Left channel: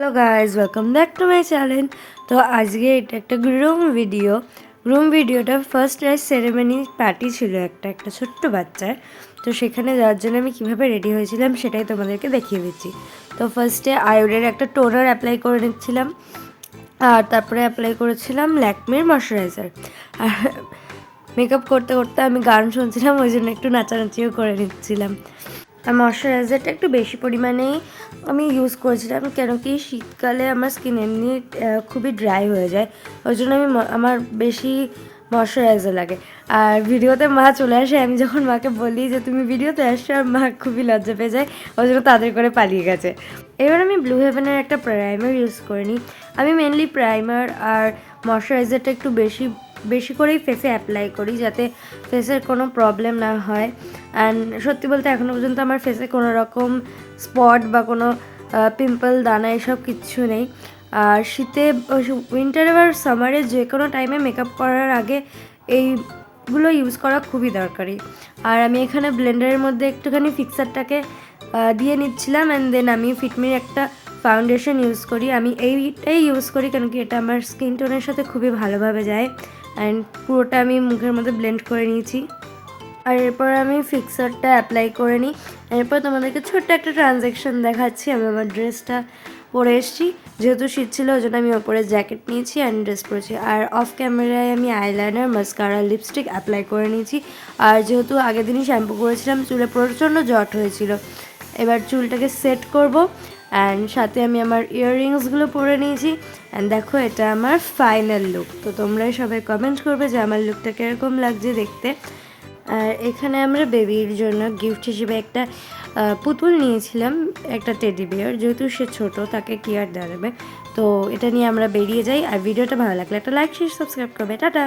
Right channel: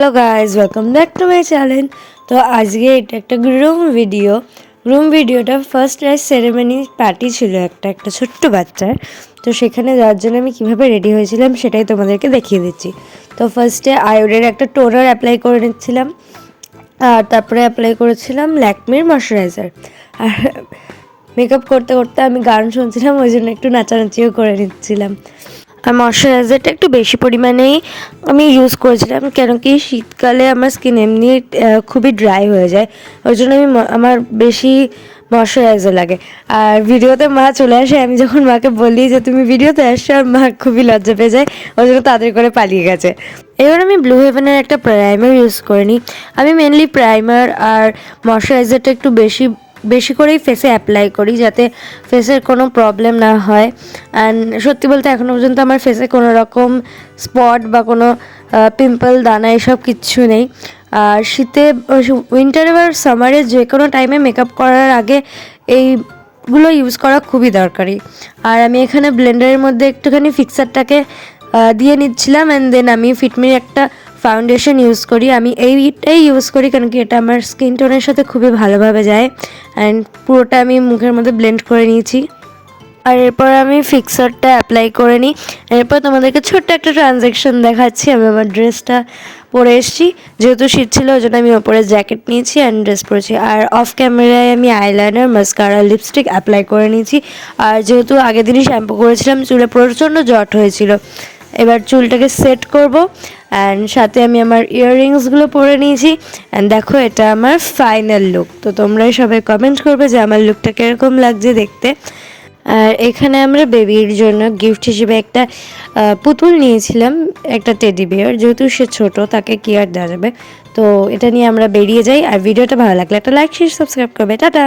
Hello guys, welcome back to my channel. তো আজকে এটা একটা গ্রুম ভিডিওটা ফার্স্ট রাইজ সেরেমনি পার্টি ছিল একটা ছোট্ট বাচ্চার। তো সেখানে যাওয়ার জন্য আমি কীভাবে রেডি হয়েছিলাম সেটাই তোমাদেরকে দেখিয়ে দিচ্ছি। তো ফার্স্টে আয়োডের একটা টোনার অ্যাপ্লাই করে নিচ্ছিলাম, আর তারপরে অ্যাপ্লাই করেছিলাম ল্যাকমির ময়শ্চারাইজার। আর মেকআপ করতে করতে আমি গান শুনছিলাম, ওই জন্য একটু নাচানাচিও করে নিচ্ছিলাম। আর ময়শ্চারাইজারটা একটু বেশি পরিমাণেই আমি ইউজ করেছিলাম, কেন কি শীতকালে আমার স্কিন এমনি খুবই ড্রাই হয়ে যায়, ওই জন্য আমার বেশি ময়শ্চারাইজার লাগে। আর ভিডিওতে মা চলে আসে, আমি যখন মাকে বলি যে তুমি ভিডিওতে আসছো, আর মা খুবই লজ্জা পেয়ে যায়, ওই জন্য তাদের করে পালিয়ে গেছে। এবার আমি ব্লু হেভেনের একটা প্রাইমার ইউজ করে নিই। আমি মেনলি প্রাইমার আর ময়শ্চারাইজারটা একটু বেশি করেই ফেসে অ্যাপ্লাই করি, যাতে ফেসের কোনো প্রবলেম না হয়। অ্যান্ড সত্যি বলতে এখনও পর্যন্ত আমার ফেসে কোনো রকম স্পট বা কোনো পিম্পল, দানা এসব কিচ্ছু নেই। আর শীতে, উইন্টারে বা সামারে যে কোনো টাইমে মেকআপ করার আগে এইগুলো ইউজ করা খুবই দরকারি। আর আমি এখানে ব্লেন্ডারের মধ্যে একটুখানি ফিক্সারটাকে দিয়ে নিচ্ছিলাম, অ্যান্ড দেন আমি ফিটমির একটা ফাউন্ডেশন ইউজ করি। আমি এইটাই ইউজ করি কারণ কি এটা আমার স্কিন টোনের সাথে খুবই ভালোভাবে যায়। অ্যান্ড পুরোটা আমি মুখের মধ্যে ব্লেন্ড করে নিয়েছি। আর এরপর আমি ফিক্সারটা অ্যাপ্লাই করে নিই। এরপর তোমাদেরকে ছোট্ট একটা ট্রানজ্যাকশন দেখাচ্ছি। আমি আমার ড্রেসটা পরে এসেছি, যেহেতু শীত ছিল ওই জন্য আমি ওপরে জ্যাকেট নিয়েছি অ্যান্ড ড্রেস পরেছি। আর অফ ক্যামেরায় আমি আইলাইনার, মাস্কারা, লিপস্টিক অ্যাপ্লাই করে নিয়েছি। আর যেহেতু আগের দিনই শ্যাম্পু করেছিলাম, চুলে প্রচণ্ড জট হয়েছিল। এবার চুলটাকে সেট করব, অ্যান্ড সাথে আমি আমার ইয়াররিংসগুলো পরে নিয়েছি। অ্যান্ড দেখো, এটা আমার ফাইনাল লুক। তো তোমরাই সবাই কমেন্ট করবে যে আমার লুকটা কীরকম লাগছে দেখতে। আর এখানে আমরা বেবির জন্য গিফট হিসেবে একটা পুতুল নিয়েছিলাম, একটা টেডি বিয়ার। যেহেতু সে ছোট, তাকে কি আর দেওয়া যাবে। তো এটা নিয়ে আমরা বেরিয়ে যাই। আর ভিডিওটা ভালো লাগলে একটা লাইক, শেয়ার, সাবস্ক্রাইব করবে। টাটা।